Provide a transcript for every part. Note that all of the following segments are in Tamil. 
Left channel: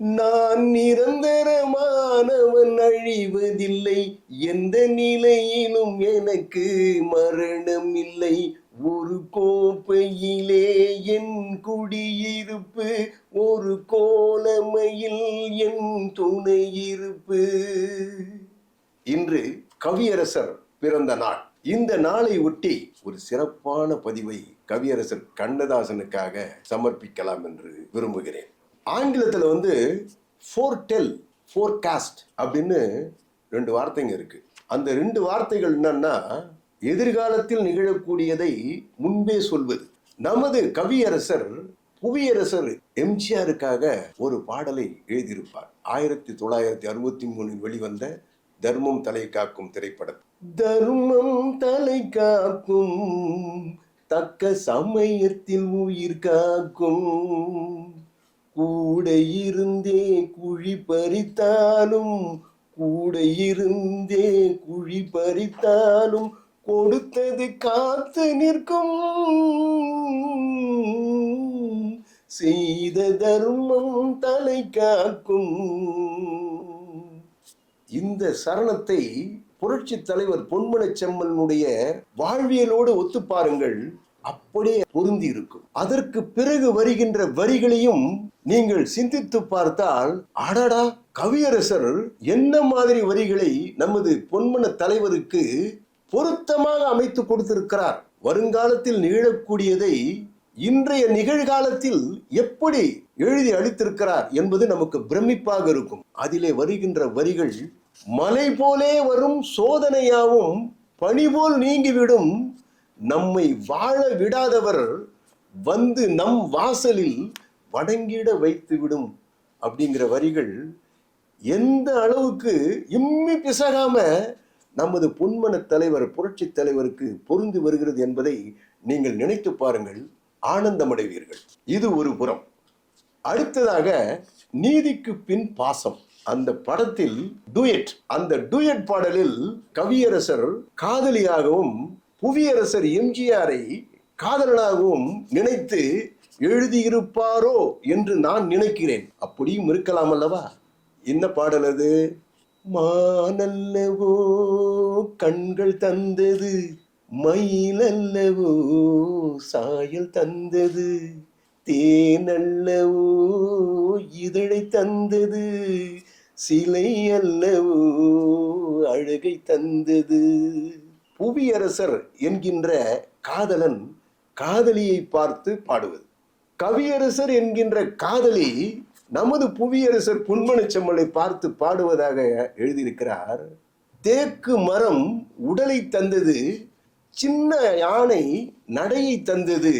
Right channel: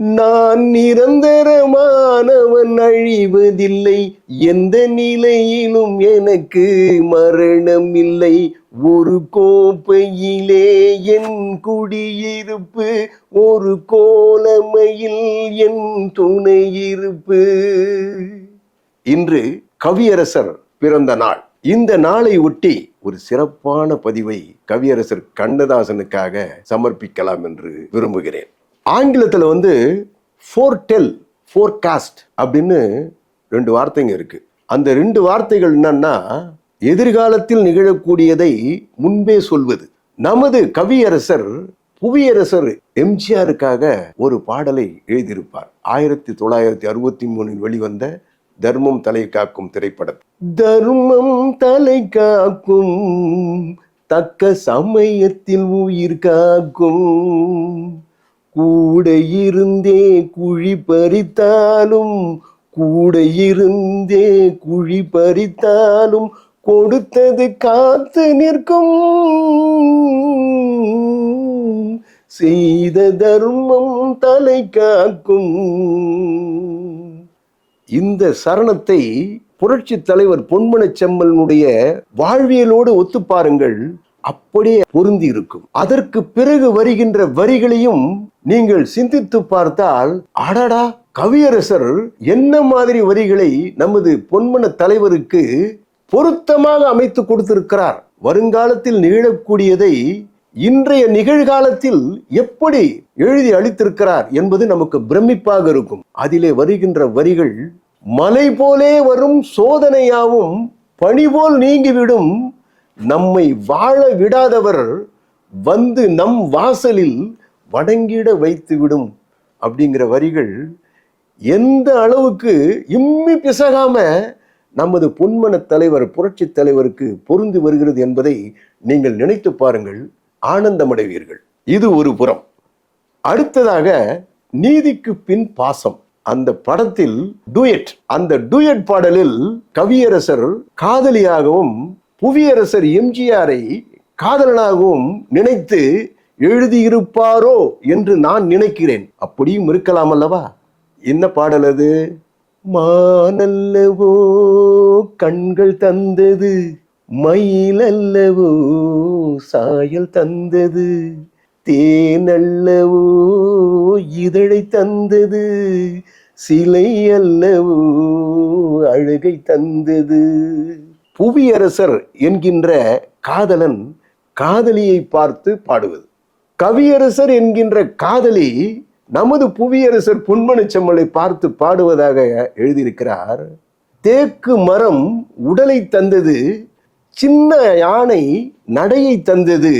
நான் நிரந்தரமானவன் அழிவதில்லை. எந்த நிலையிலும் எனக்கு மரணம் இல்லை ஒரு கோப்பையிலே என் குடியிருப்பு ஒரு கோலமையில் என் துணையிருப்பு. இன்று கவியரசர் பிறந்த நாள். இந்த நாளை ஒட்டி ஒரு சிறப்பான பதிவை கவியரசர் கண்ணதாசனுக்காக சமர்ப்பிக்கலாம் என்று விரும்புகிறேன். ஆங்கிலத்தில் வந்து ஃபோர்டெல் ஃபோர்காஸ்ட் அப்படின்னு ரெண்டு வார்த்தைங்க இருக்குது அந்த ரெண்டு வார்த்தைகள் என்னன்னா எதிர்காலத்தில் நிகழக்கூடியதை முன்பே சொல்வது. நமது கவியரசர் புவியரசர் எம்ஜிஆருக்காக ஒரு பாடலை எழுதியிருப்பார். ஆயிரத்தி தொள்ளாயிரத்தி அறுபத்தி மூணில் வெளிவந்த தர்மம் தலை காக்கும் திரைப்படம். தர்மம் தலை காக்கும் தக்க சமயத்தில் உயிர் காக்கும். கூட இருந்தே குழி பறித்தாலும் கூட இருந்தே குழி பறித்தாலும் கொடுத்தது காத்து நிற்கும். செய்த தர்மம் தலை காக்கும். இந்த சரணத்தை புரட்சி தலைவர் பொன்மனச் செம்மலனுடைய வாழ்வியலோடு ஒத்து பாருங்கள். அப்படியே பொருந்தி இருக்கும் அதற்கு பிறகு வருகின்ற வரிகளையும் நீங்கள் சிந்தித்து பார்த்தால் அடடா கவியரசர் என்ன மாதிரி வரிகளை நமது பொன்மன தலைவருக்கு பொருத்தமாக அமைத்து கொடுத்திருக்கிறார்? வருங்காலத்தில் நிகழக்கூடியதை இன்றைய நிகழ்காலத்தில் எப்படி எழுதி அளித்திருக்கிறார் என்பது நமக்கு பிரமிப்பாக இருக்கும். அதிலே வருகின்ற வரிகள் மலை போலே வரும் சோதனையாவும் பணிபோல் நீங்கிவிடும் நம்மை வாழ விடாதவர் வந்து நம் வாசலில் வணங்கிட வைத்துவிடும் அப்படிங்கிற வரிகள் எந்த அளவுக்கு இம்மி பிசகாம நமது பொன்மன தலைவர் புரட்சி தலைவருக்கு பொருந்து வருகிறது என்பதை நீங்கள் நினைத்து பாருங்கள் ஆனந்தமடைவீர்கள். இது ஒரு புறம். அடுத்ததாக நீதிக்கு பின் பாசம். அந்த படத்தில் டூயட் அந்த டூயட் பாடலில் கவியரசர் காதலியாகவும் புவியரசர் எம்ஜிஆரை காதலனாகவும் நினைத்து எழுதியிருப்பாரோ என்று நான் நினைக்கிறேன். அப்படியும் இருக்கலாம் அல்லவா? என்ன பாடல் அது? மானல்லவோ கண்கள் தந்தது. மயிலல்லவோ சாயல் தந்தது. தேனல்லவோ இதழை தந்தது. சிலை அல்லவோ அழகை தந்தது. புவியரசர் என்கின்ற காதலன் காதலியை பார்த்து பாடுவது. கவியரசர் என்கின்ற காதலி நமது புவியரசர் பொன்மனச்செம்மலை பார்த்து பாடுவதாக எழுதியிருக்கிறார். தேக்கு மரம் உடலை தந்தது சின்ன யானை நடையை தந்தது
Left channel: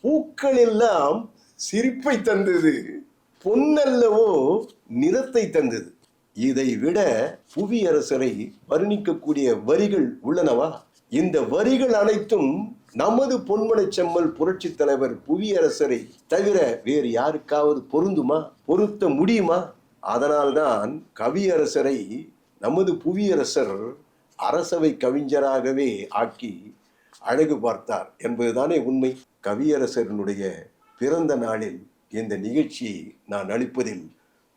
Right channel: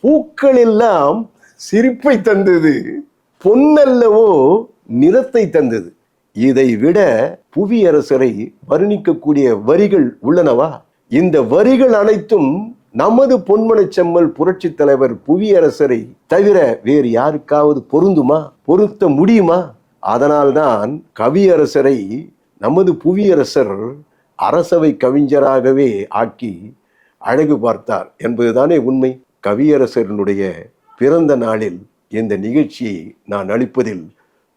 பூக்கள் எல்லாம் சிரிப்பை தந்தது பொன்னல்லவோ நிறத்தை தந்தது. இதை விட புவியரசரை வர்ணிக்கக்கூடிய வரிகள் உள்ளனவா? இந்த வரிகள் அனைத்தும் நமது பொன்மனை செம்மல் புரட்சி தலைவர் புவியரசரை தவிர வேறு யாருக்காவது பொருந்துமா? பொருத்த முடியுமா? அதனால்தான் கவியரசரை நமது புவியரசர் அரசவை கவிஞராகவே ஆக்கி அழகு பார்த்தார் என்பதுதானே உண்மை. கவியரசரனுடைய பிறந்த நாளில் இந்த நிகழ்ச்சியை நான் அளிப்பதில்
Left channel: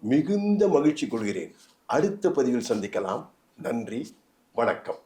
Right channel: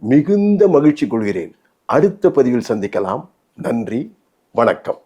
மிகுந்த மகிழ்ச்சி கொள்கிறேன். அடுத்த பதிவில் சந்திக்கலாம். நன்றி. வணக்கம்.